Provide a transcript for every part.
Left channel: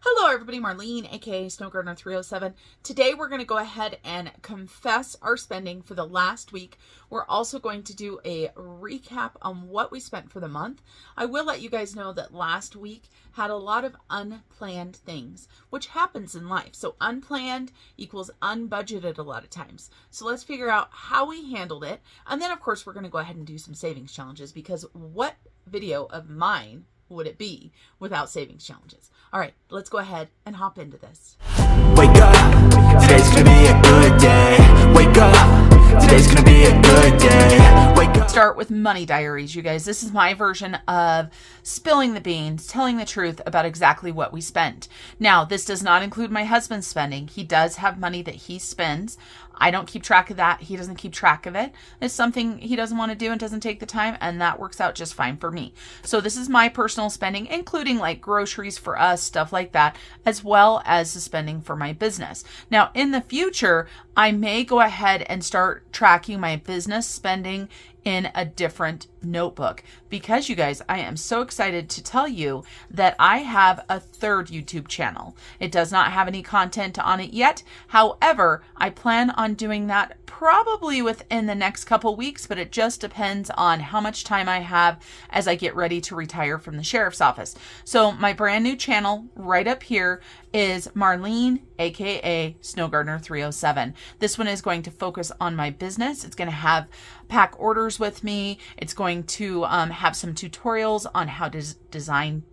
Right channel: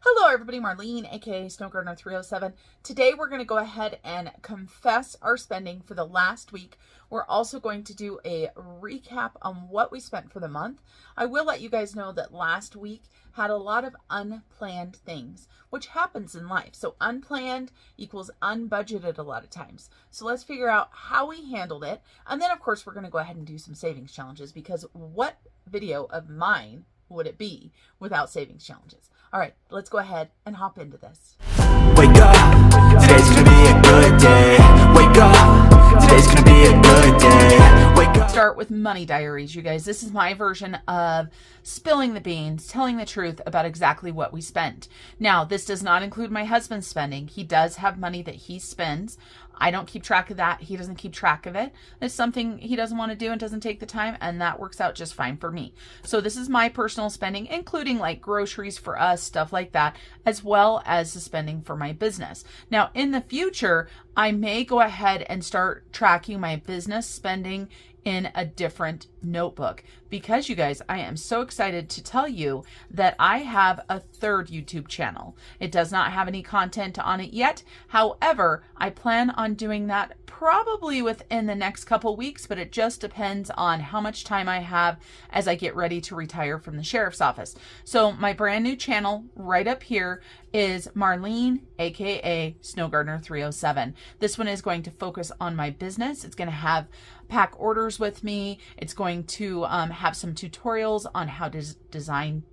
Hello everybody, Marlene, aka Snow Gardener 307. Today we're going to go ahead and confess our spending for the last week. We're also going to do a recap on what we spent for the month. I will let you guys know that last week had a lot of unplanned things, which happens in life. So unplanned equals unbudgeted a lot of times. So let's figure out how we handled it. And then of course we're going to go ahead and do some savings challenges, because what video of mine would it be without savings challenges? All right, let's go ahead and hop into this. Wake up, today's gonna be a good day. Wake up, today's gonna be a good day. Wake up. Start with money diaries, you guys. This is my version of spilling the beans, telling the truth about exactly what we spent. Now, this does not include my husband's spending. He does have money that he spends. I don't keep track of that. He doesn't keep track of it. It's something he doesn't want to do and doesn't take the time, and that works out just fine for me. So this is my personal spending, including like groceries for us, stuff like that, as well as the spending for my business. Now, in the future, I may go ahead and start tracking my business spending in a different notebook, because you guys, I am so excited to tell you that I have a third YouTube channel. It does not have any content on it yet. However, I plan on doing that probably within the next couple weeks, but it just depends on how much time I have as I get ready to retire from the sheriff's office. So my brand new channel right up here is Marlene, aka Snow Gardener 307. This one is going to focus on my business. It's going to have pack orders with me. It's going to have some tutorials on how to design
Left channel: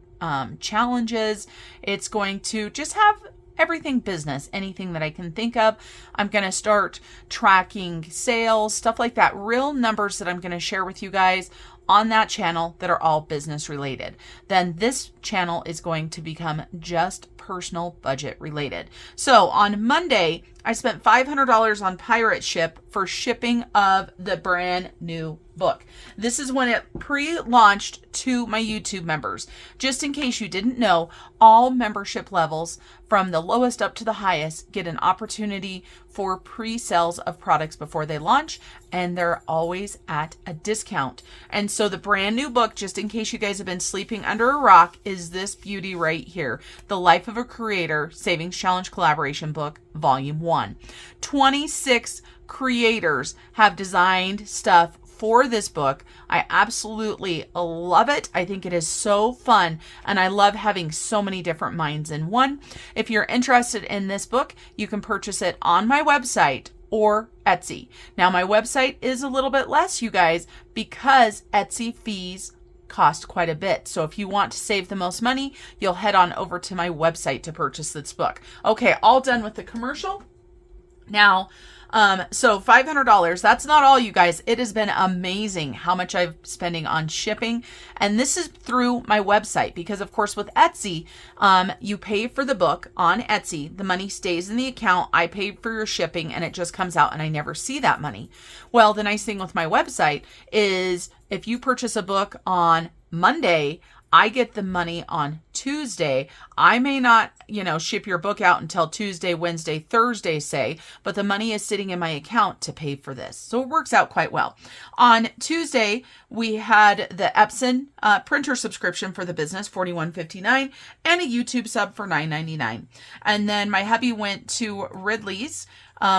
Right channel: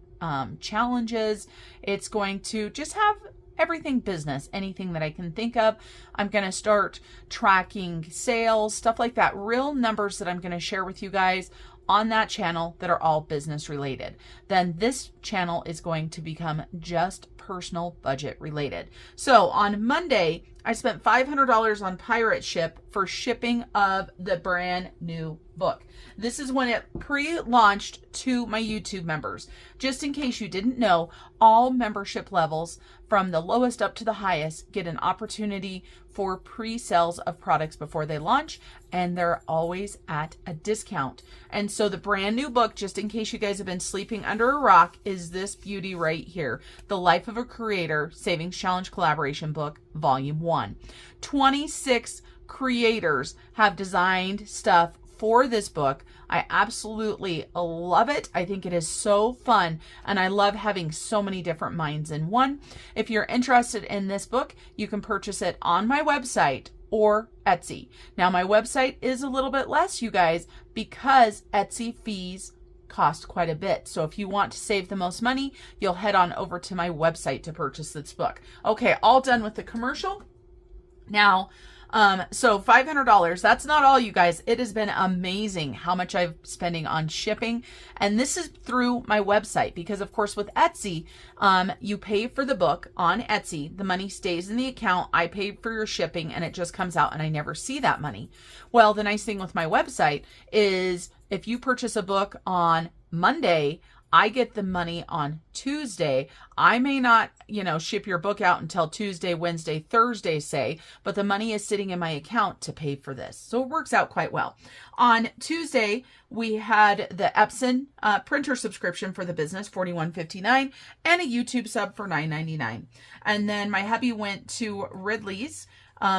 challenges. It's going to just have everything business, anything that I can think of. I'm going to start tracking sales, stuff like that, real numbers that I'm going to share with you guys on that channel that are all business related. Then this channel is going to become just personal budget related. So on Monday, I spent $500 on pirate ship for shipping of the brand new book. This is when it pre-launched to my YouTube members. Just in case you didn't know, all membership levels from the lowest up to the highest get an opportunity for pre-sales of products before they launch, and they're always at a discount. And so the brand new book, just in case you guys have been sleeping under a rock, is this beauty right here, The Life of a Creator Savings Challenge Collaboration Book, Volume 1. 26 creators have designed stuff for this book. I absolutely love it. I think it is so fun, and I love having so many different minds in one. If you're interested in this book, you can purchase it on my website or Etsy. Now, my website is a little bit less, you guys, because Etsy fees cost quite a bit. So if you want to save the most money, you'll head on over to my website to purchase this book. Okay, all done with the commercial. Now, so $500, that's not all, you guys. It has been amazing how much I'm spending on shipping. And this is through my website, because of course with Etsy, you pay for the book on Etsy. The money stays in the account. I pay for your shipping and it just comes out and I never see that money. Well, the nice thing with my website is if you purchase a book on Monday, I get the money on Tuesday. I may not, ship your book out until Tuesday, Wednesday, Thursday, say, but the money is sitting in my account to pay for this. So it works out quite well. On Tuesday, we had the Epson printer subscription for the business, $41.59, and a YouTube sub for $9.99. And then my hubby went to Ridley's,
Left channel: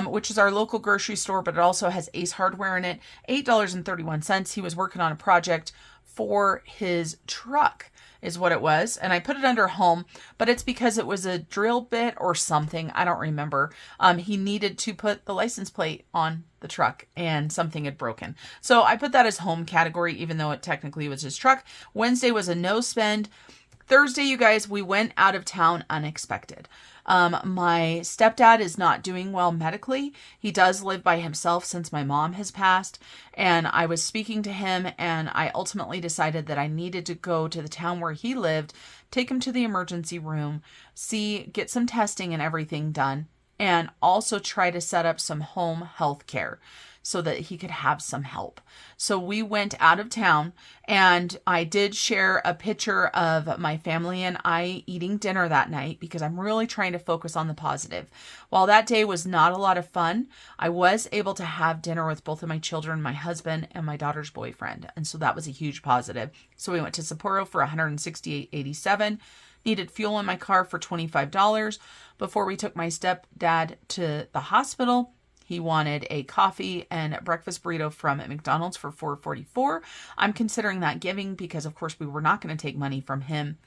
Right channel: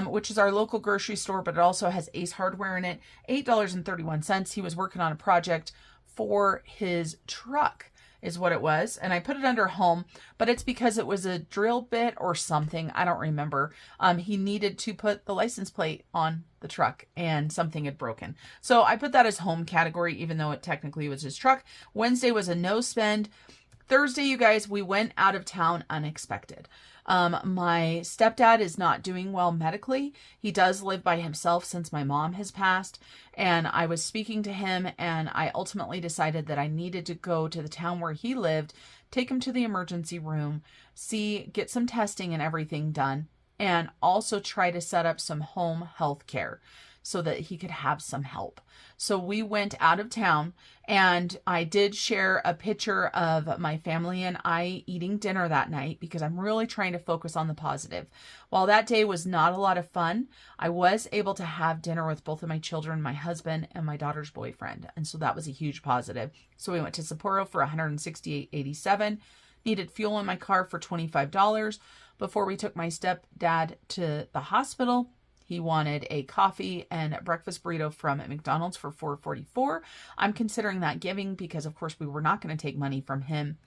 which is our local grocery store, but it also has Ace Hardware in it, $8.31. He was working on a project for his truck is what it was. And I put it under home, but it's because it was a drill bit or something. I don't remember. He needed to put the license plate on the truck and something had broken. So I put that as home category, even though it technically was his truck. Wednesday was a no spend. Thursday, you guys, we went out of town unexpected. My stepdad is not doing well medically. He does live by himself since my mom has passed. And I was speaking to him and I ultimately decided that I needed to go to the town where he lived, take him to the emergency room, get some testing and everything done, and also try to set up some home health care so that he could have some help. So we went out of town, and I did share a picture of my family and I eating dinner that night because I'm really trying to focus on the positive. While that day was not a lot of fun, I was able to have dinner with both of my children, my husband, and my daughter's boyfriend. And so that was a huge positive. So we went to Sapporo for $168.87. needed fuel in my car for $25 before we took my stepdad to the hospital. He wanted a coffee and breakfast burrito from McDonald's for $4.44. I'm considering that giving because, of course, we were not going to take money from him.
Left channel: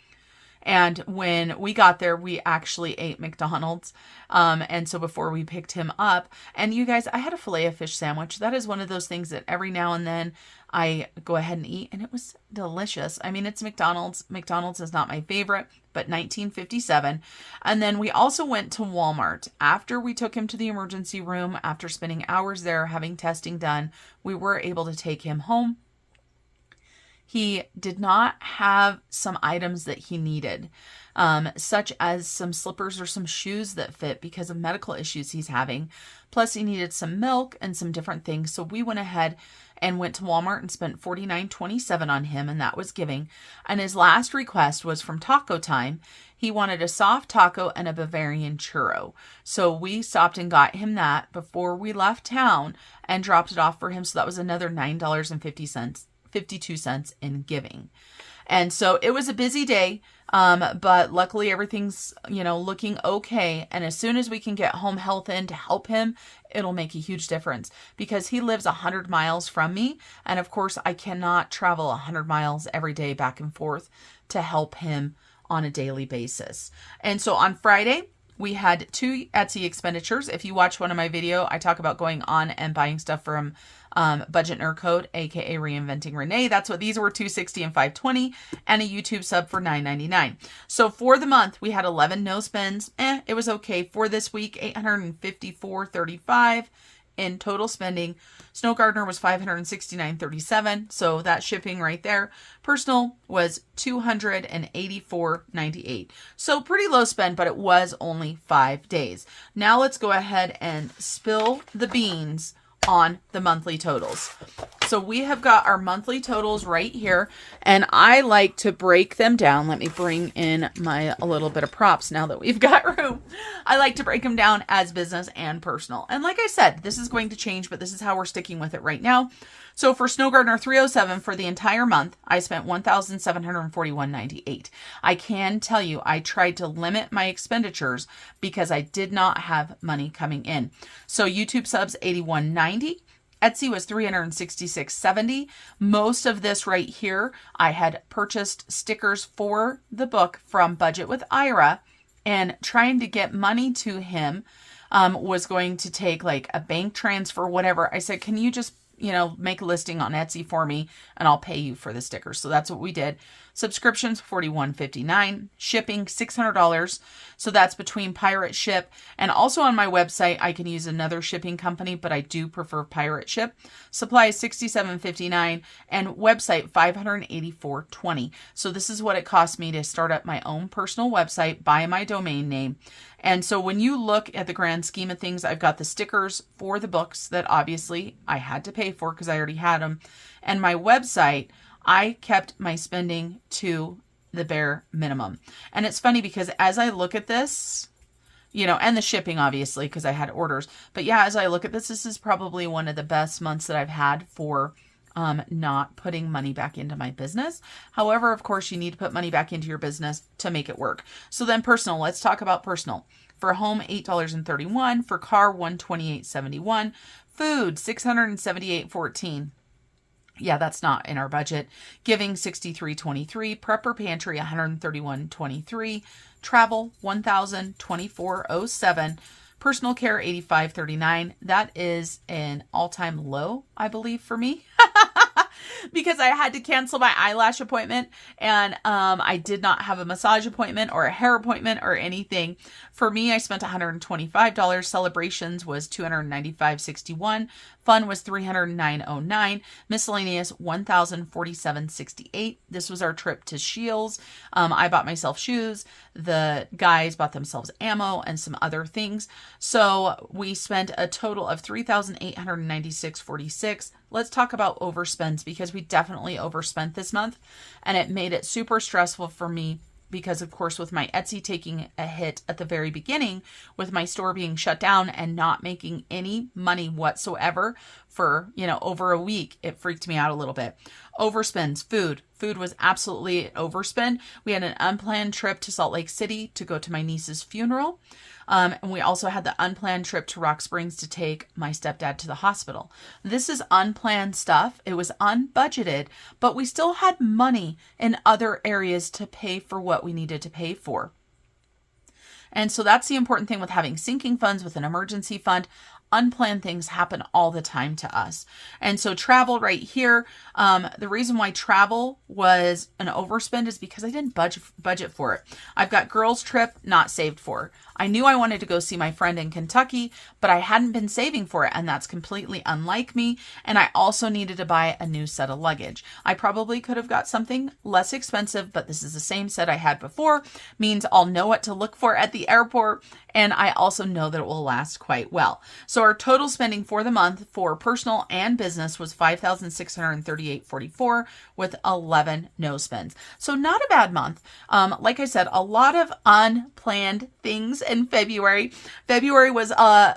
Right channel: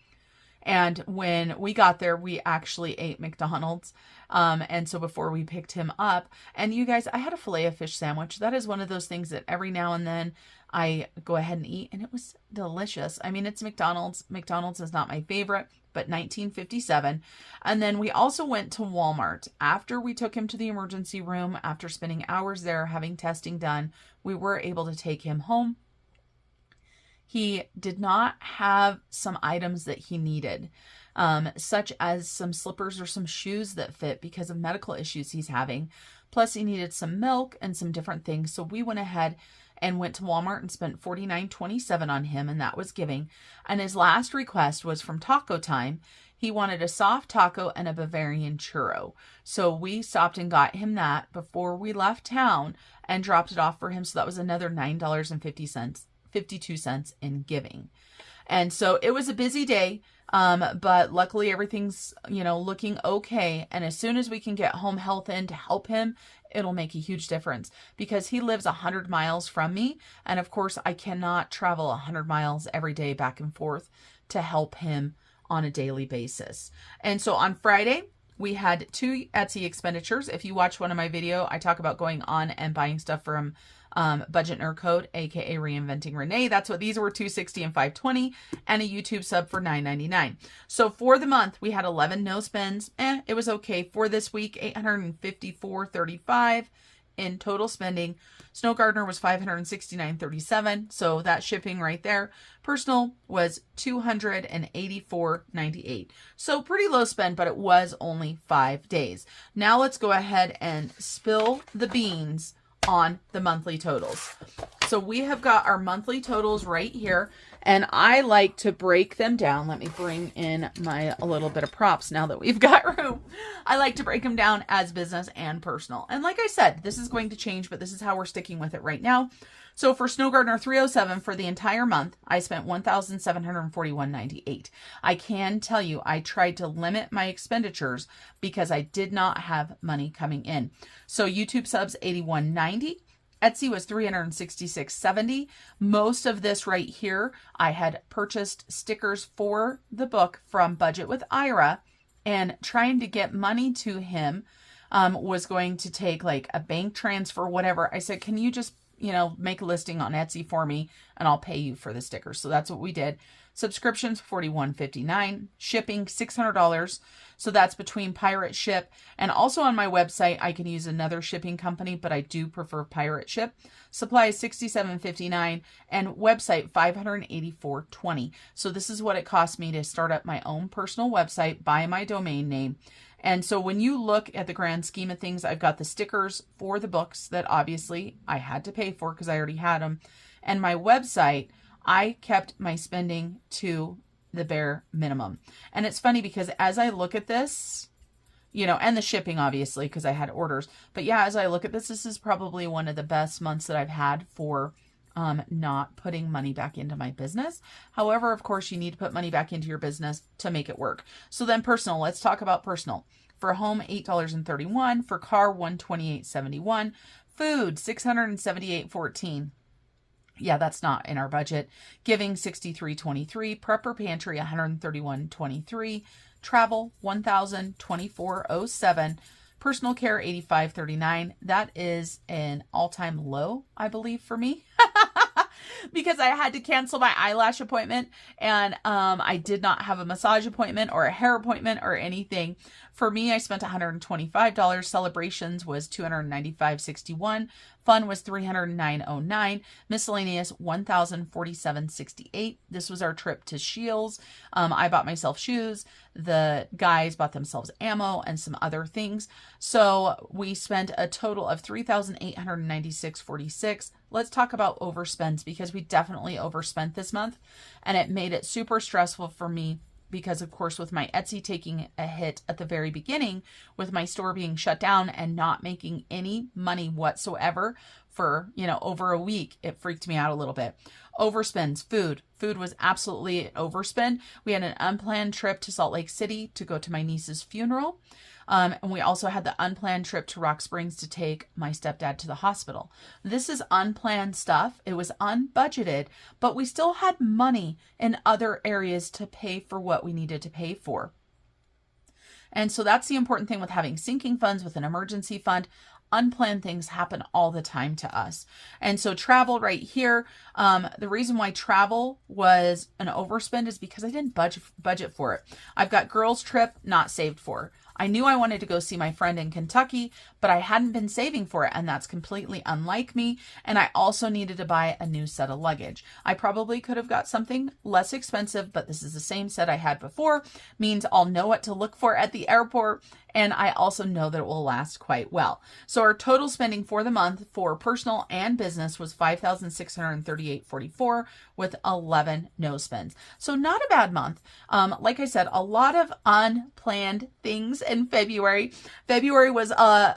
And when we got there, we actually ate McDonald's. And so before we picked him up, and you guys, I had a filet of fish sandwich. That is one of those things that every now and then I go ahead and eat, and it was delicious. I mean, it's McDonald's. McDonald's is not my favorite, but $19.57. And then we also went to Walmart. After we took him to the emergency room, after spending hours there having testing done, we were able to take him home. He did not have some items that he needed, such as some slippers or some shoes that fit because of medical issues he's having. Plus, he needed some milk and some different things. So we went ahead and went to Walmart and spent $49.27 on him, and that was giving. And his last request was from Taco Time. He wanted a soft taco and a Bavarian churro. So we stopped and got him that before we left town and dropped it off for him. So that was another $9.52 in giving. And so it was a busy day, but luckily everything's, looking okay. And as soon as we can get home health in to help him, it'll make a huge difference because he lives 100 miles from me. And of course, I cannot travel 100 miles every day back and forth to help him on a daily basis. And so on Friday, we had 2 Etsy expenditures. If you watch one of my video, I talk about going on and buying stuff from Budget Nerd Code, aka Reinventing Renee. That's what these were, $260 and $520, and a YouTube sub for $9.99. So for the month, we had 11 no spends. It was okay. For this week, $854.35 in total spending. Snow Gardener was $569.37. So that shipping right there. Personal was $284.98. So pretty low spend, but it was only 5 days. Now let's go ahead and spill the beans on the monthly totals. So we have got our monthly totals right here, and I like to break them down. Let me bring in a little bit of props now that we've got room. I like to break them down as business and personal. And like I said, this is going to change, but this is how we're sticking with it right now. So for Snow Gardener 307 for the entire month, I spent $1,741.98. I can tell you, I tried to limit my expenditures because I did not have money coming in. So YouTube subs $81.90. Etsy was $366.70. Most of this right here, I had purchased stickers for the book from Budget with Ira, and trying to get money to him was going to take like a bank transfer, whatever. I said, can you just make a listing on Etsy for me and I'll pay you for the stickers. So that's what we did. Subscriptions, $41.59. Shipping, $600. So that's between Pirate Ship and also on my website, I can use another shipping company, but I do prefer Pirate Ship. Supplies, $67.59, and website, $584.20. So this is what it cost me to start up my own personal website, buy my domain name. And so when you look at the grand scheme of things, I've got the stickers for the books that obviously I had to pay for because I already had them. And my website, I kept my spending to the bare minimum. And it's funny because as I look at this, and the shipping obviously because I had orders. But yeah, as I look at this is probably one of the best months that I've had for not putting money back into my business. However, of course, you need to put money back into your business to make it work. So then personal, let's talk about personal. For home, $8.31. For car, $128.71. Food, $678.14. Yeah, that's not in our budget. Giving, $63.23. Prepper pantry, $131.23. Travel, $1,024.07. Personal care, $85.39. That is an all-time low, I believe, for me. Because I had to cancel my eyelash appointment, and I did not have a massage appointment or a hair appointment or anything. For me, I spent $125. Celebrations was $295.61. Fun was $309.09. Miscellaneous $1,047.68. This was our trip to Shields. I bought myself shoes. The guys bought themselves ammo and some other things. So we spent a total of $3,896.46. Let's talk about overspends because we definitely overspent this month, and it made it super stressful for me. Because, of course, with my Etsy taking a hit at the very beginning, with my store being shut down and not making any money whatsoever for, over a week, it freaked me out a little bit. Overspends. Food was absolutely an overspend. We had an unplanned trip to Salt Lake City to go to my niece's funeral. And we also had the unplanned trip to Rock Springs to take my stepdad to the hospital. This is unplanned stuff. It was unbudgeted, but we still had money in other areas to pay for what we needed to pay for. And so that's the important thing with having sinking funds with an emergency fund. Unplanned things happen all the time to us. And so travel right here, the reason why travel was an overspend is because I didn't budget for it. I've got girls trip not saved for. I knew I wanted to go see my friend in Kentucky, but I hadn't been saving for it, and that's completely unlike me. And I also needed to buy a new set of luggage. I probably could have got something less expensive, but this is the same set I had before, means I'll know what to look for at the airport, and I also know that it will last quite well. So our total spending for the month for personal and business was $5,638.44 with 11 no spends. So not a bad month. Like I said, a lot of unplanned things in February. February was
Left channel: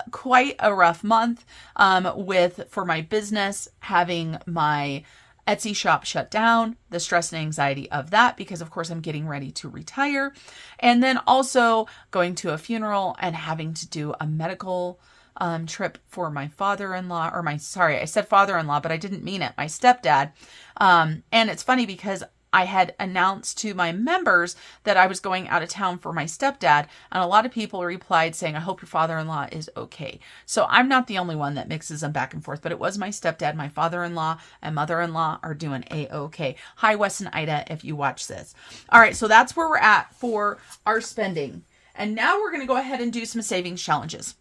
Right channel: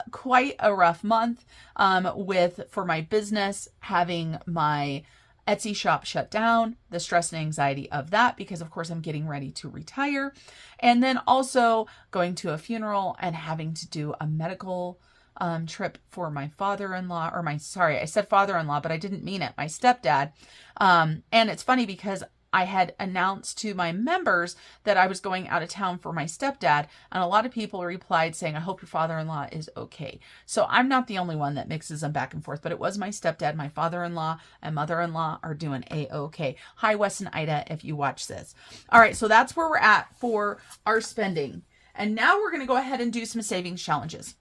quite a rough month for my business, having my Etsy shop shut down, the stress and anxiety of that, because of course I'm getting ready to retire. And then also going to a funeral and having to do a medical trip for my father-in-law, I said father-in-law, but I didn't mean it, my stepdad. And it's funny because I had announced to my members that I was going out of town for my stepdad, and a lot of people replied saying, I hope your father-in-law is okay. So I'm not the only one that mixes them back and forth, but it was my stepdad, my father-in-law, and mother-in-law are doing A-okay. Hi, Wes and Ida, if you watch this. All right, so that's where we're at for our spending. And now we're going to go ahead and do some savings challenges.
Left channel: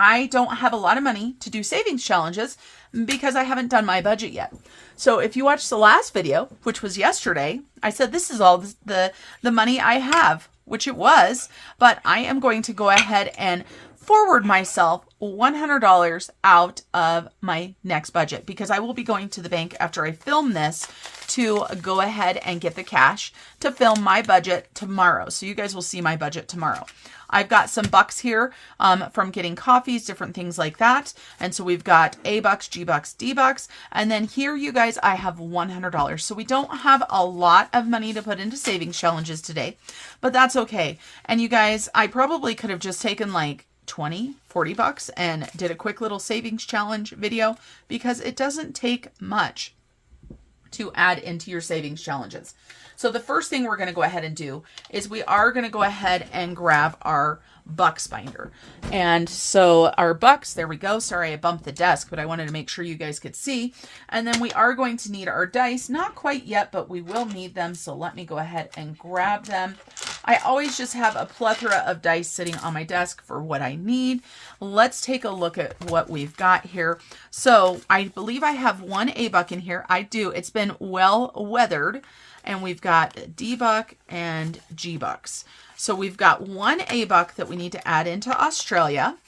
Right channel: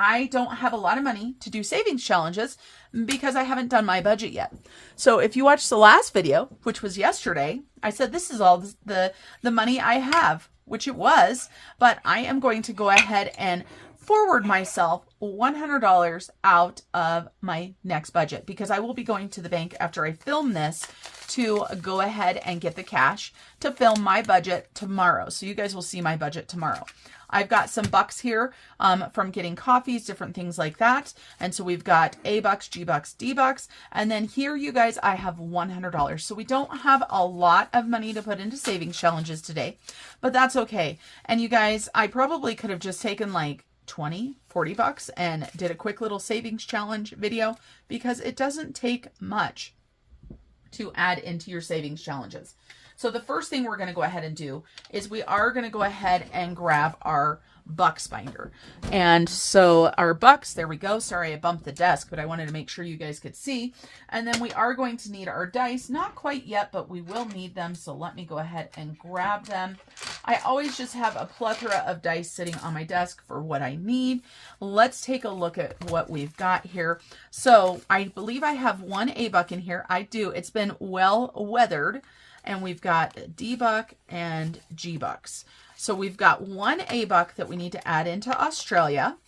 I don't have a lot of money to do savings challenges because I haven't done my budget yet. So if you watched the last video, which was yesterday, I said this is all the money I have, which it was, but I am going to go ahead and forward myself $100 out of my next budget because I will be going to the bank after I film this to go ahead and get the cash to film my budget tomorrow. So you guys will see my budget tomorrow. I've got some bucks here from getting coffees, different things like that. And so we've got A bucks, G bucks, D bucks. And then here, you guys, I have $100. So we don't have a lot of money to put into savings challenges today, but that's okay. And you guys, I probably could have just taken like 20, 40 bucks and did a quick little savings challenge video because it doesn't take much to add into your savings challenges. So the first thing we're going to go ahead and do is we are going to go ahead and grab our bucks binder. And so our bucks, there we go. Sorry, I bumped the desk, but I wanted to make sure you guys could see. And then we are going to need our dice. Not quite yet, but we will need them. So let me go ahead and grab them. I always just have a plethora of dice sitting on my desk for what I need. Let's take a look at what we've got here. So I believe I have one A buck in here. I do. It's been well weathered. And we've got D buck and G bucks. So we've got one A buck that we need to add into Australia.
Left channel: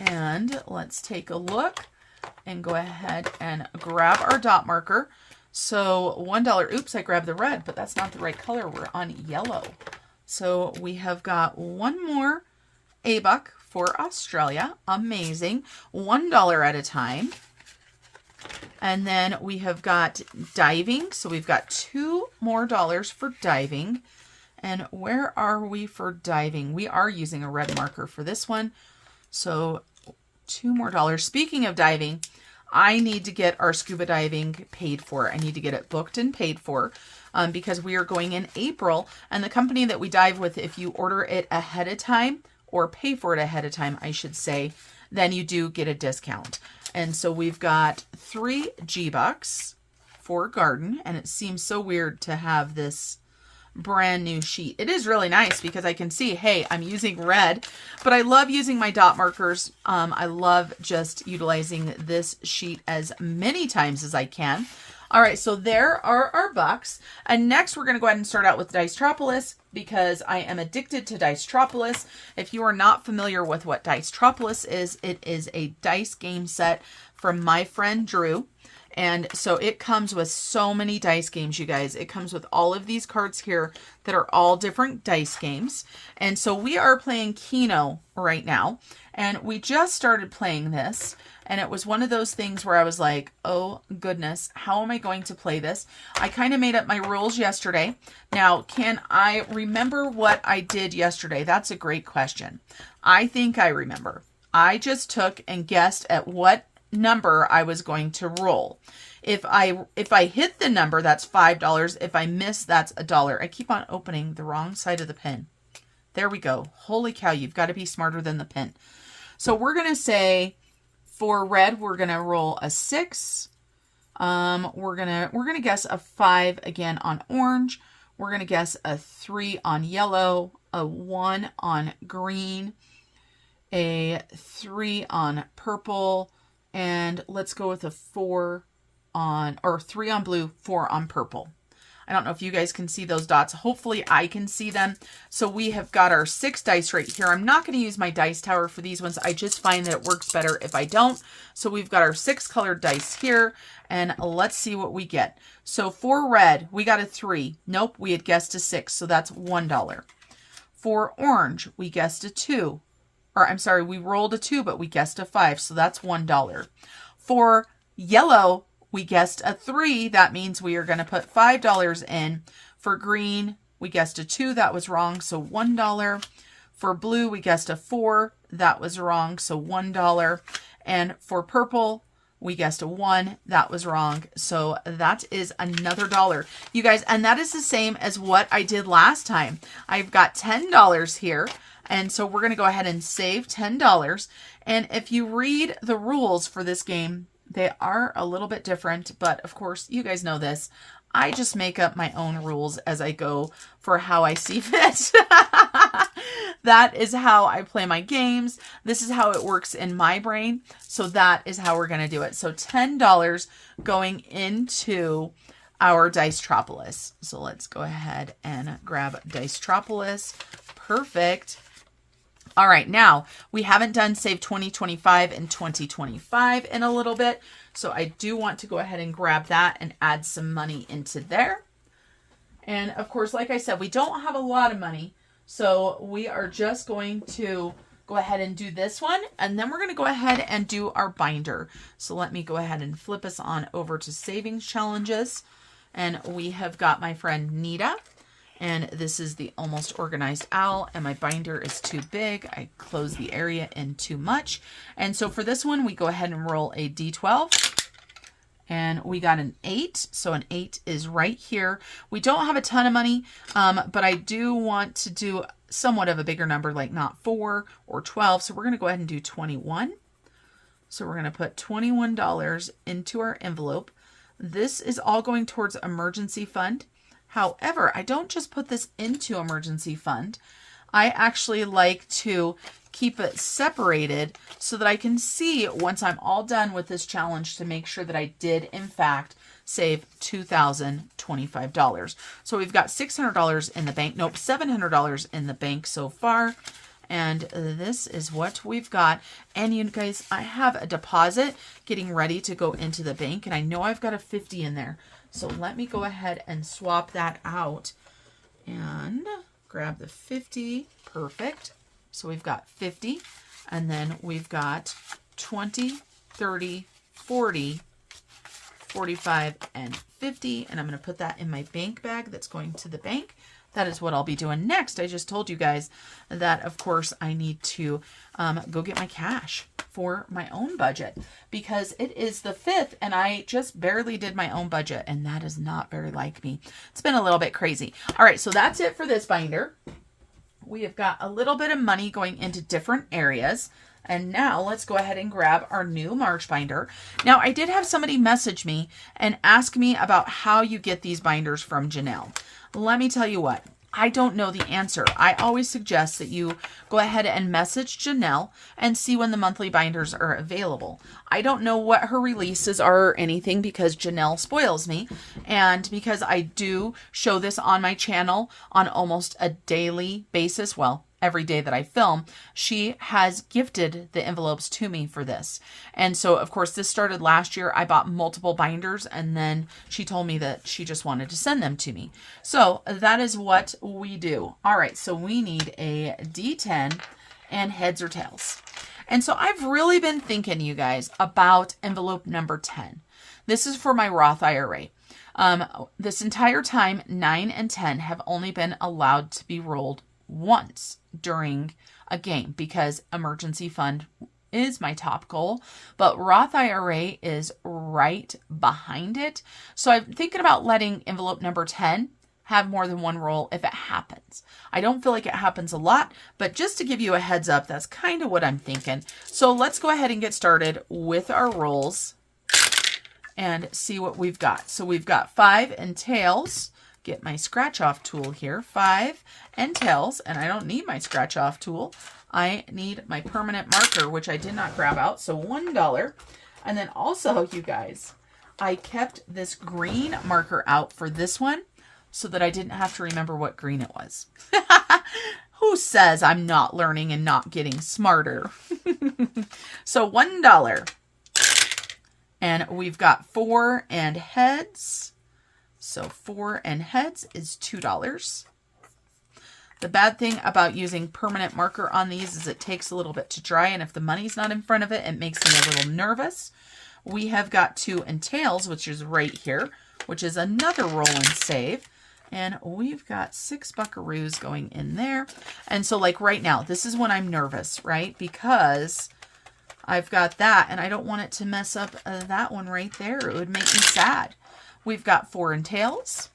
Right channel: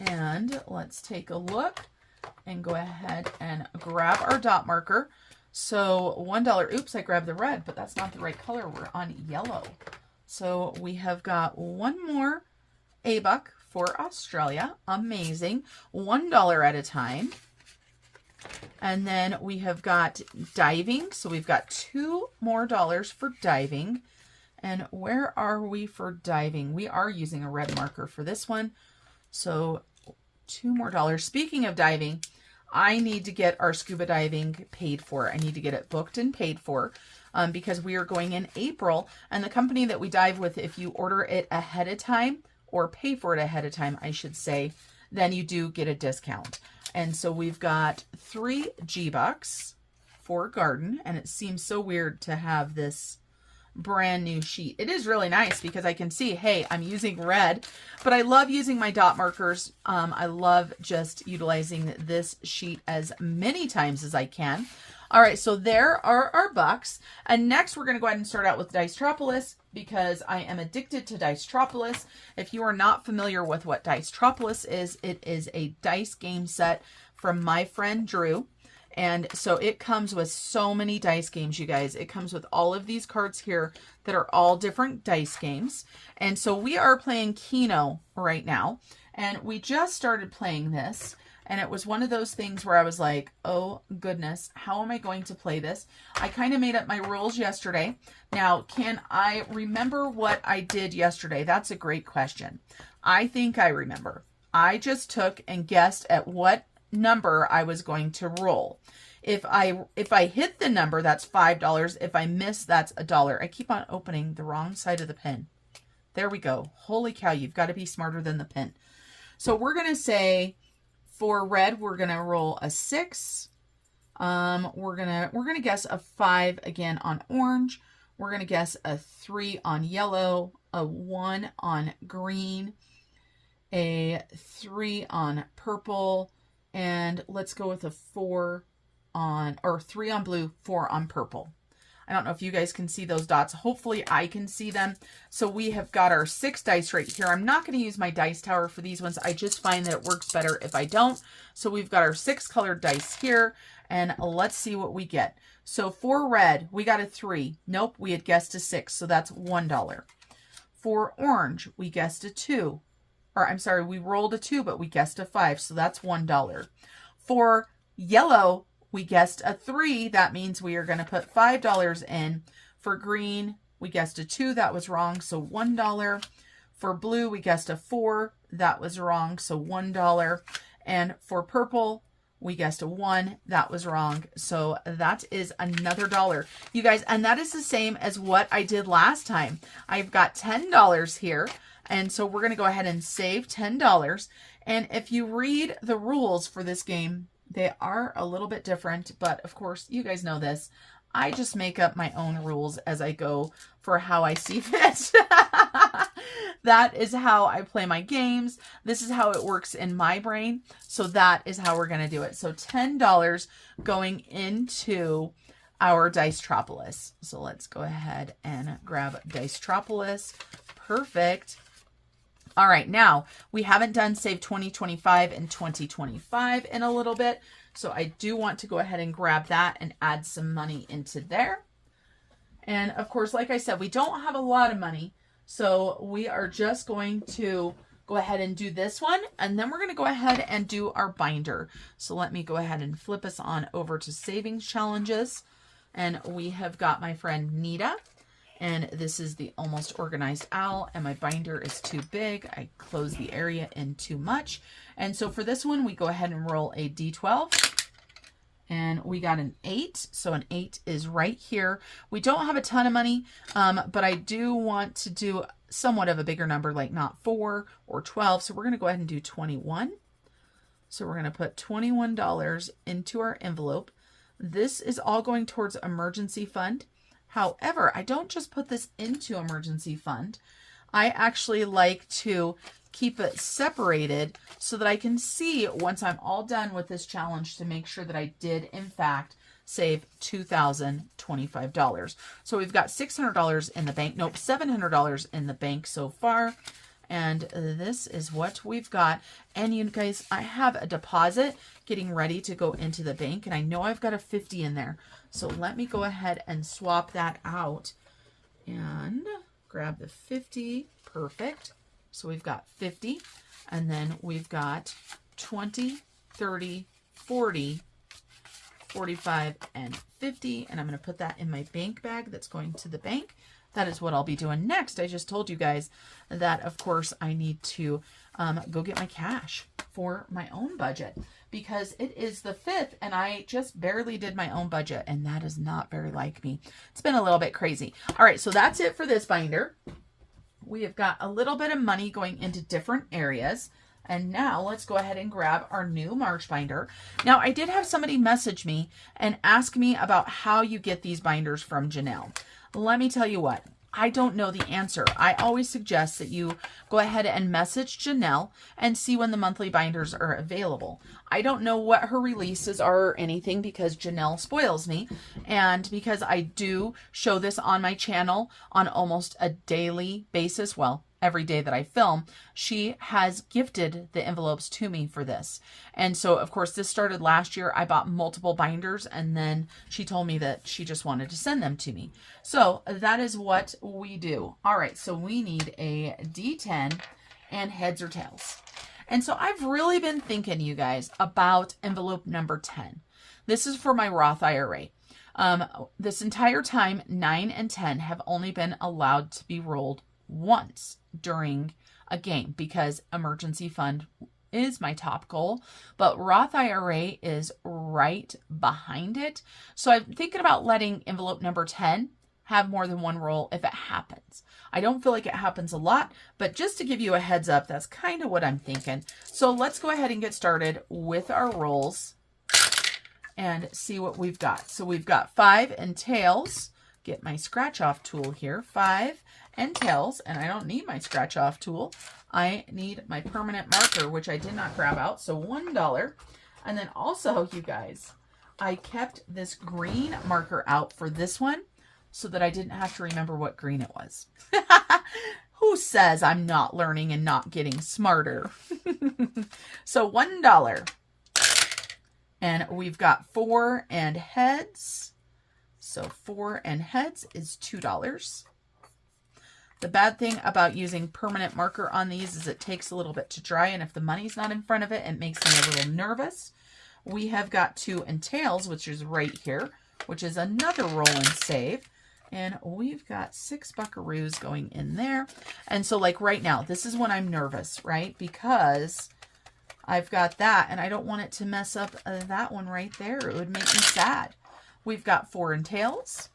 And let's take a look and go ahead and grab our dot marker. So $1, oops, I grabbed the red, but that's not the right color. We're on yellow. So we have got one more A buck for Australia. Amazing. $1 at a time. And then we have got diving. So we've got $2 more for diving. And where are we for diving? We are using a red marker for this one. So $2 more. Speaking of diving, I need to get our scuba diving paid for. I need to get it booked and paid for because we are going in April. And the company that we dive with, if you order it ahead of time or pay for it ahead of time, I should say, then you do get a discount. And so we've got 3 G bucks for garden. And it seems so weird to have this brand new sheet. It is really nice because I can see, hey, I'm using red, but I love using my dot markers. I love just utilizing this sheet as many times as I can. All right, so there are our bucks. And next we're going to go ahead and start out with Dicetropolis because I am addicted to Dicetropolis. If you are not familiar with what Dicetropolis is, it is a dice game set from my friend Drew. And so it comes with so many dice games, you guys. It comes with all of these cards here that are all different dice games. And so we are playing Keno right now. And we just started playing this. And it was one of those things where I was like, oh goodness, how am I going to play this? I kind of made up my rules yesterday. Now, can I remember what I did yesterday? That's a great question. I think I remember. I just took and guessed at what number I was going to roll. If I hit the number, that's $5. If I miss, that's $1. I keep on opening the wrong side of the pin. There we go. Holy cow, you've got to be smarter than the pin. So we're going to say for red, we're going to roll a 6. We're going to guess a 5 again on orange. We're going to guess a 3 on yellow, a 1 on green, a 3 on purple, and let's go with a 4 on, or 3 on blue, 4 on purple. I don't know if you guys can see those dots. Hopefully I can see them. So we have got our 6 dice right here. I'm not going to use my dice tower for these ones. I just find that it works better if I don't. So we've got our 6 colored dice here, and let's see what we get. So for red, we got a 3. Nope, we had guessed a 6, so that's $1. For orange, we guessed a 2. Or I'm sorry, we rolled a 2, but we guessed a 5, so that's $1. For yellow, we guessed a 3. That means we are going to put $5 in. For green, we guessed a 2. That was wrong, so $1. For blue, we guessed a 4. That was wrong, so $1. And for purple, we guessed a 1. That was wrong, so that is another $1. You guys, and that is the same as what I did last time. I've got $10 here, and so we're going to go ahead and save $10. And if you read the rules for this game, they are a little bit different, but of course, you guys know this. I just make up my own rules as I go for how I see fit. That is how I play my games. This is how it works in my brain. So that is how we're going to do it. So $10 going into our Dicetropolis. So let's go ahead and grab Dicetropolis. Perfect. All right, now we haven't done Save 2025 and 2025 in a little bit. So I do want to go ahead and grab that and add some money into there. And of course, like I said, we don't have a lot of money. So we are just going to go ahead and do this one. And then we're going to go ahead and do our binder. So let me go ahead and flip us on over to Savings Challenges. And we have got my friend Nita. And this is the Almost Organized Owl, and my binder is too big. I close the area in too much. And so for this one, we go ahead and roll a D12, and we got an 8. So an 8 is right here. We don't have a ton of money, but I do want to do somewhat of a bigger number, like not 4 or 12. So we're going to go ahead and do 21. So we're going to put $21 into our envelope. This is all going towards emergency fund. However, I don't just put this into emergency fund. I actually like to keep it separated so that I can see once I'm all done with this challenge to make sure that I did, in fact, save $2,025. So we've got $600 in the bank. Nope, $700 in the bank so far. And this is what we've got. And you guys, I have a deposit getting ready to go into the bank. And I know I've got a 50 in there. So let me go ahead and swap that out and grab the 50. Perfect. So we've got 50, and then we've got 20, 30, 40, 45, and 50. And I'm going to put that in my bank bag that's going to the bank. That is what I'll be doing next. I just told you guys that, of course, I need to go get my cash for my own budget because it is the 5th and I just barely did my own budget, and that is not very like me. It's been a little bit crazy. All right, so that's it for this binder. We have got a little bit of money going into different areas. And now let's go ahead and grab our new March binder. Now, I did have somebody message me and ask me about how you get these binders from Janelle. Let me tell you what, I don't know the answer. I always suggest that you go ahead and message Janelle and see when the monthly binders are available. I don't know what her releases are or anything because Janelle spoils me, and because I do show this on my channel on almost a daily basis. Well, every day that I film, she has gifted the envelopes to me for this. And so, of course, this started last year. I bought multiple binders, and then she told me that she just wanted to send them to me. So that is what we do. All right, so we need a D10 and heads or tails. And so I've really been thinking, you guys, about envelope number 10. This is for my Roth IRA. This entire time, 9 and 10 have only been allowed to be rolled once during a game because emergency fund is my top goal, but Roth IRA is right behind it. So I'm thinking about letting envelope number 10 have more than one roll if it happens. I don't feel like it happens a lot, but just to give you a heads up, that's kind of what I'm thinking. So let's go ahead and get started with our rolls and see what we've got. So we've got 5 and tails. Get my scratch off tool here. 5 and tails, and I don't need my scratch off tool. I need my permanent marker, which I did not grab out. So $1. And then also, you guys, I kept this green marker out for this one so that I didn't have to remember what green it was. Who says I'm not learning and not getting smarter? So $1. And we've got 4 and heads. So 4 and heads is $2. The bad thing about using permanent marker on these is it takes a little bit to dry, and if the money's not in front of it, it makes me a little nervous. We have got 2 and tails, which is right here, which is another roll and save. And we've got 6 buckaroos going in there. And so like right now, this is when I'm nervous, right? Because I've got that and I don't want it to mess up that one right there. It would make me sad. We've got 4 and tails.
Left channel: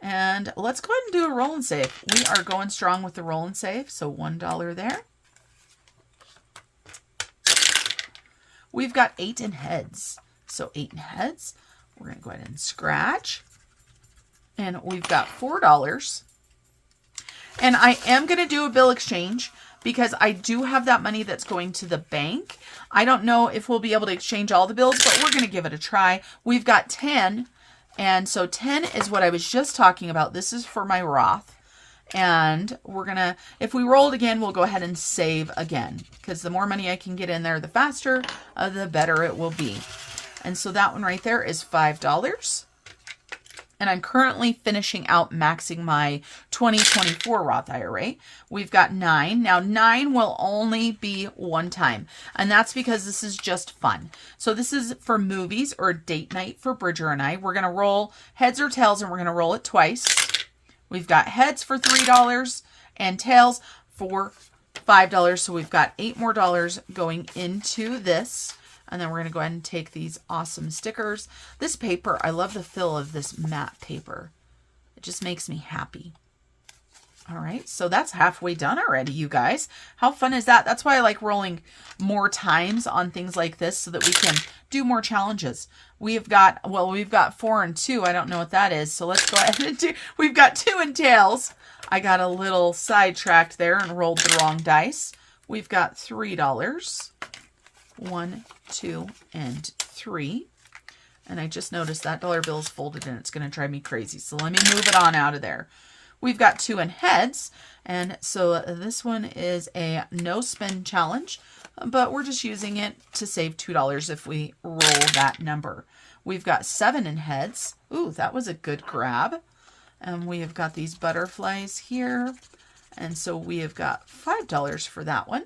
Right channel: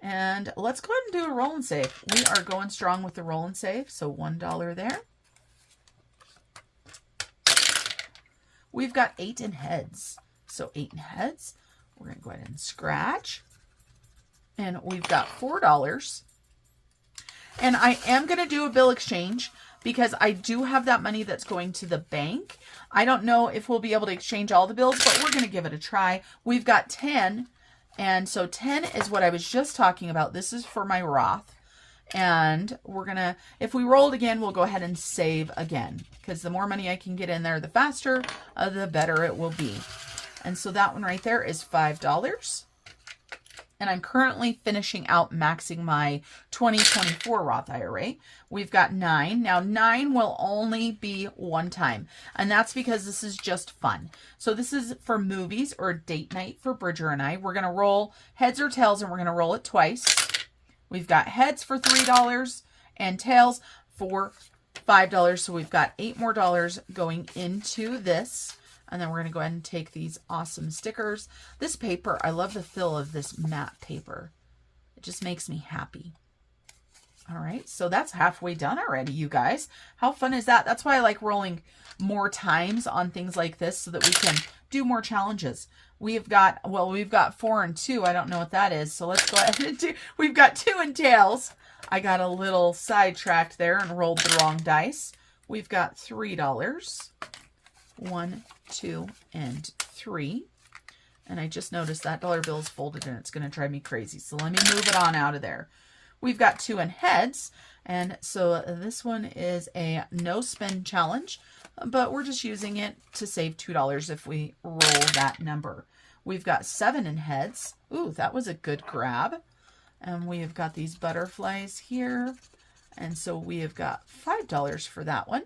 And let's go ahead and do a roll and save. We are going strong with the roll and save. So $1 there. We've got 8 in heads. So 8 in heads. We're going to go ahead and scratch. And we've got $4. And I am going to do a bill exchange because I do have that money that's going to the bank. I don't know if we'll be able to exchange all the bills, but we're going to give it a try. We've got 10. And so 10 is what I was just talking about. This is for my Roth. And we're going to, if we roll it again, we'll go ahead and save again. Because the more money I can get in there, the faster, the better it will be. And so that one right there is $5. And I'm currently finishing out maxing my 2024 Roth IRA. We've got 9. Now 9 will only be one time. And that's because this is just fun. So this is for movies or date night for Bridger and I. We're going to roll heads or tails and we're going to roll it twice. We've got heads for $3 and tails for $5. So we've got $8 more going into this. And then we're going to go ahead and take these awesome stickers. This paper, I love the feel of this matte paper. It just makes me happy. All right, so that's halfway done already, you guys. How fun is that? That's why I like rolling more times on things like this so that we can do more challenges. We've got 4 and 2. I don't know what that is. So let's go ahead and do, we've got 2 and tails. I got a little sidetracked there and rolled the wrong dice. We've got $3. 1, 2, and 3. And I just noticed that dollar bill is folded and it's going to drive me crazy. So let me move it on out of there. We've got 2 in heads. And so this one is a no spin challenge, but we're just using it to save $2 if we roll that number. We've got 7 in heads. Ooh, that was a good grab. And we have got these butterflies here. And so we have got $5 for that one.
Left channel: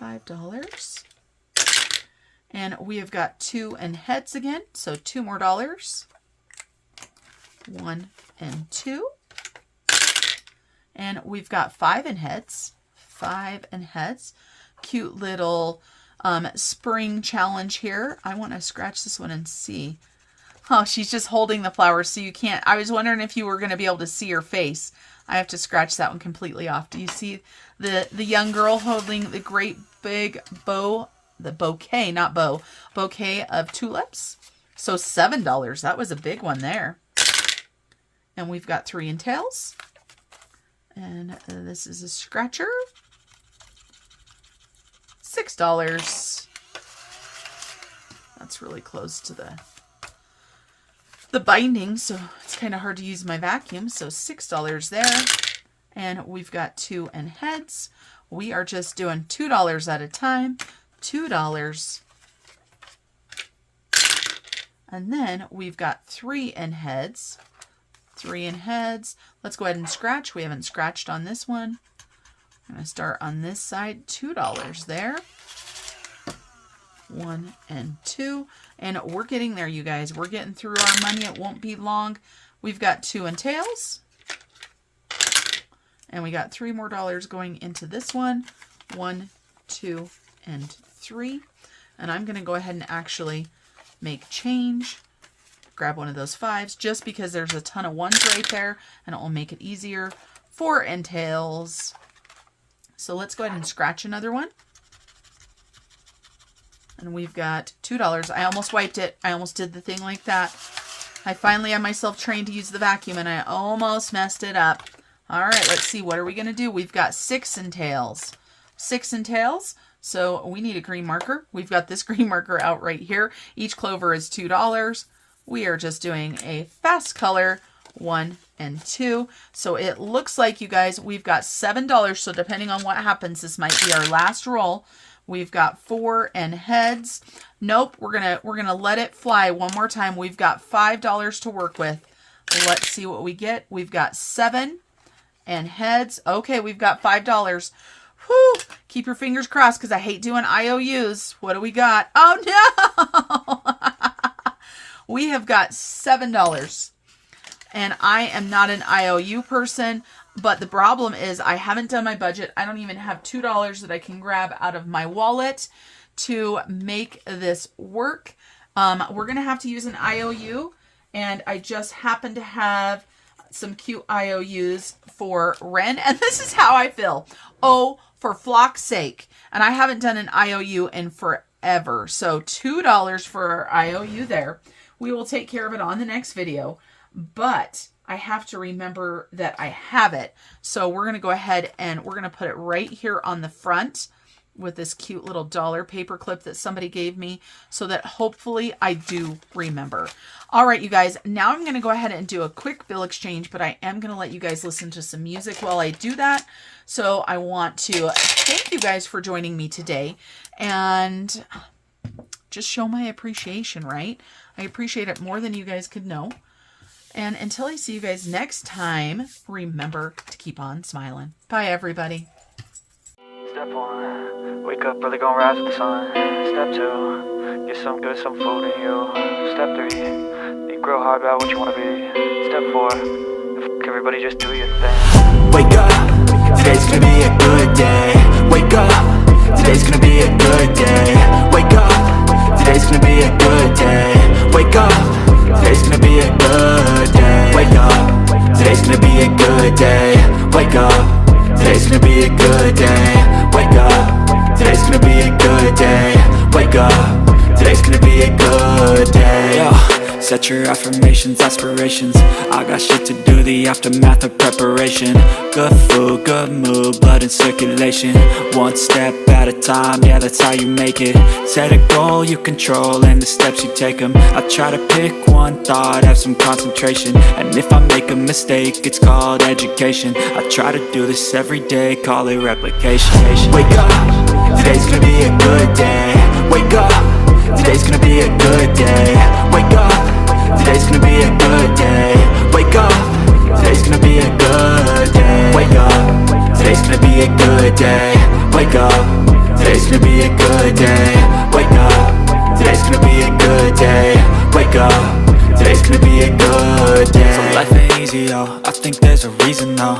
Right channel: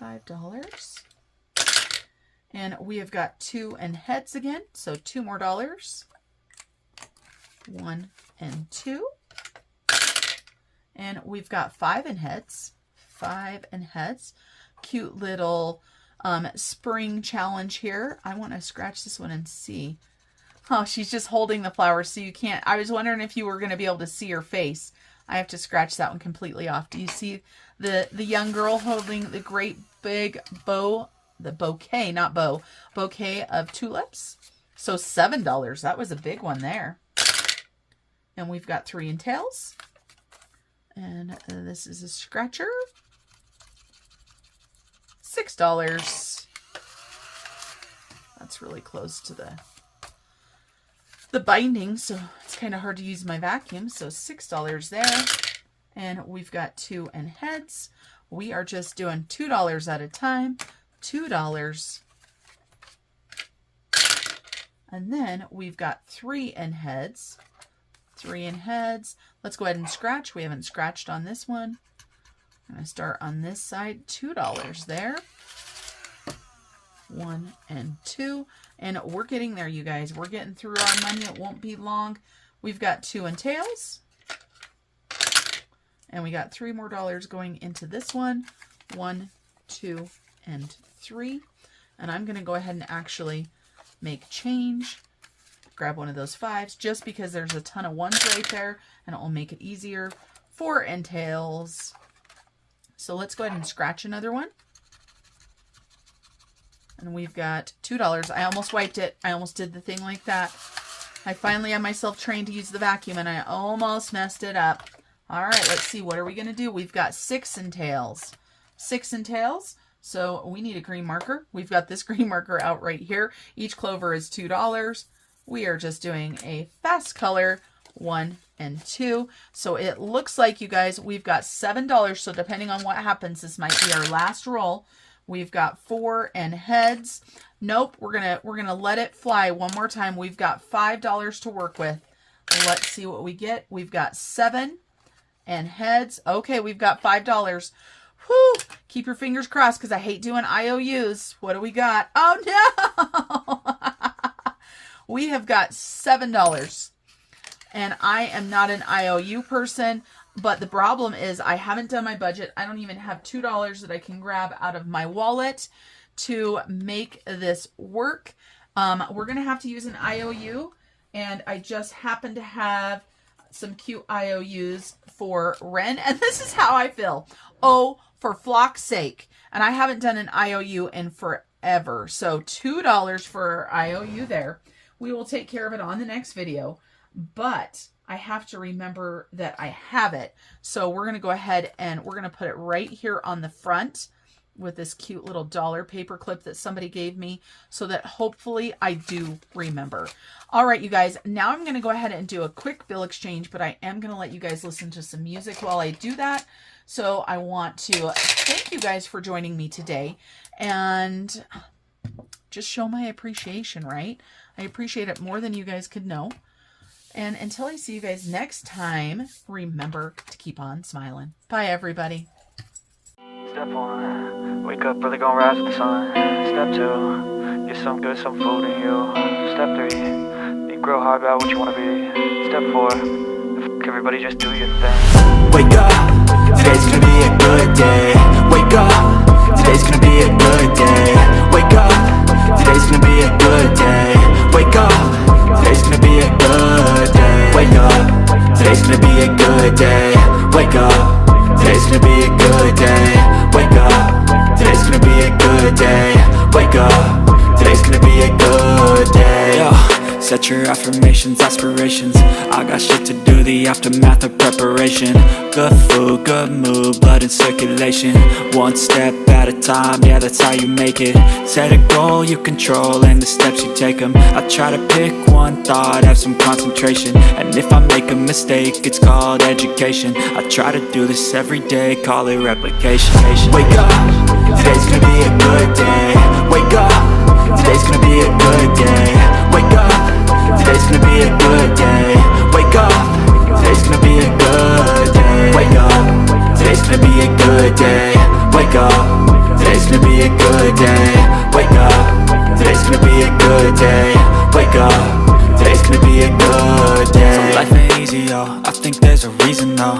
$5. And we have got 2 and heads again. So $2 more. 1 and 2. And we've got 5 in heads. 5 and heads. Cute little spring challenge here. I want to scratch this one and see. Oh, she's just holding the flowers so you can't. I was wondering if you were going to be able to see her face. I have to scratch that one completely off. Do you see the young girl holding the great big bouquet of tulips? So $7. That was a big one there. And we've got 3 in tails. And this is a scratcher. $6. That's really close to the binding, so it's kind of hard to use my vacuum. So $6 there. And we've got 2 in heads. We are just doing $2 at a time. $2. And then we've got 3 in heads. 3 in heads. Let's go ahead and scratch. We haven't scratched on this one. I'm going to start on this side. $2 there. 1 and 2. And we're getting there, you guys. We're getting through our money. It won't be long. We've got 2 in tails. And we got $3 more going into this one. 1, 2, and 3. And I'm going to go ahead and actually make change. Grab one of those 5s just because there's a ton of 1s right there and it will make it easier. 4 in tails. So let's go ahead and scratch another one. And we've got $2. I almost wiped it. I almost did the thing like that. I finally have myself trained to use the vacuum and I almost messed it up. All right, let's see. What are we going to do? We've got 6 in tails. 6 in tails. So we need a green marker. We've got this green marker out right here. Each clover is $2. We are just doing a fast color, 1 and 2. So it looks like, you guys, we've got $7. So depending on what happens, this might be our last roll. We've got 4 and heads. Nope, we're gonna let it fly one more time. We've got $5 to work with. Let's see what we get. We've got 7 and heads. Okay, we've got $5. Whew, keep your fingers crossed because I hate doing IOUs. What do we got? Oh no! We have got $7. And I am not an IOU person, but the problem is I haven't done my budget. I don't even have $2 that I can grab out of my wallet to make this work. We're going to have to use an IOU, and I just happen to have some cute IOUs for Ren, and this is how I feel. Oh, for flock's sake. And I haven't done an IOU in forever. So $2 for our IOU there. We will take care of it on the next video, but I have to remember that I have it. So we're going to go ahead and we're going to put it right here on the front with this cute little dollar paper clip that somebody gave me so that hopefully I do remember. All right, you guys, now I'm going to go ahead and do a quick bill exchange, but I am going to let you guys listen to some music while I do that. So I want to thank you guys for joining me today and just show my appreciation, right? I appreciate it more than you guys could know. And until I see you guys next time, remember to keep on smiling. Bye, everybody. Step 1, wake up early, gonna rise with the sun. Step 2, get some good, some food in you. Step 3, think real hard about what you wanna be. Step 4, everybody just do your thing. Wake up, today's gonna be a good day. Wake up, today's gonna be a good day. Wake up, today's gonna be a good day. Wake up, today's gonna be a good day. Wake up, today's gonna be a good day. Wake up, today's gonna be a good day. Wake up, today's gonna be a good day. Wake up, today's gonna be a good day. Yo, set your affirmations, aspirations. I got shit to do, the aftermath of preparation. Good food, good mood, blood in circulation. One step at a time, yeah, that's how you make it. Set a goal you control and the steps you take them. I try to pick one thought, have some concentration. And if I make a mistake, it's called education. I try to do this every day, call it replication. Wake up, today's gonna be a good day. Wake up, today's gonna be a good day. Wake up, today's gonna be a good day. Wake up, today's gonna be a good day. Wake up, today's gonna be a good day. Wake up, today's gonna be a good day. Wake up, today's gonna be a good day. Wake up, today's gonna be a good day. So life ain't easy, yo, I think there's a reason though.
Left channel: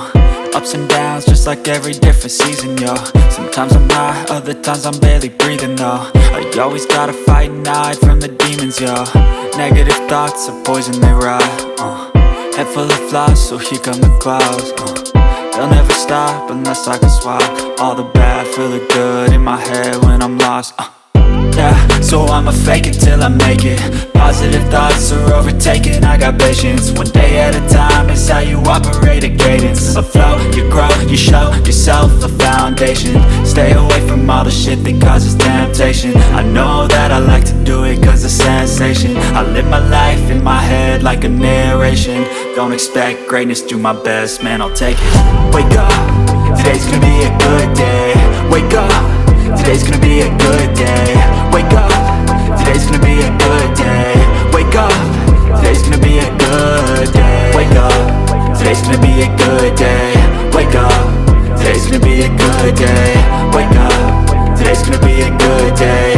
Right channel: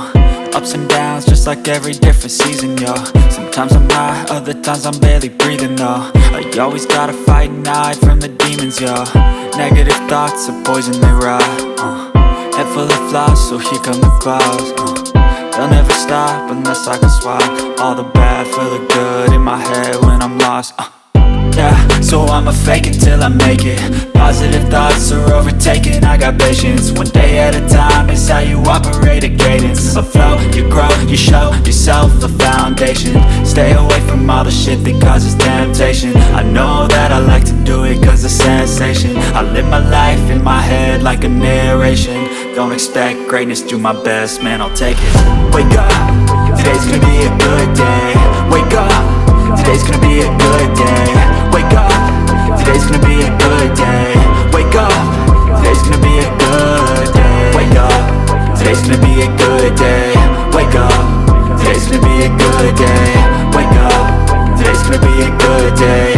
Ups and downs, just like every different season, yo. Sometimes I'm high, other times I'm barely breathing, though. I always gotta fight and hide from the demons, yo. Negative thoughts are poison, they rot. Head full of flies, so here come the clouds. They'll never stop unless I can swap all the bad for the good in my head when I'm lost. Yeah, so I'ma fake it till I make it. Positive thoughts are overtaken, I got patience. One day at a time is how you operate a cadence. A flow, you grow, you show yourself a foundation. Stay away from all the shit that causes temptation. I know that I like to do it cause it's sensation. I live my life in my head like a narration. Don't expect greatness, do my best, man, I'll take it. Wake up, today's gonna be a good day. Wake up, today's gonna be a good day. Wake up, today's gonna be a good day. Wake up, today's gonna be a good day. Wake up. good day.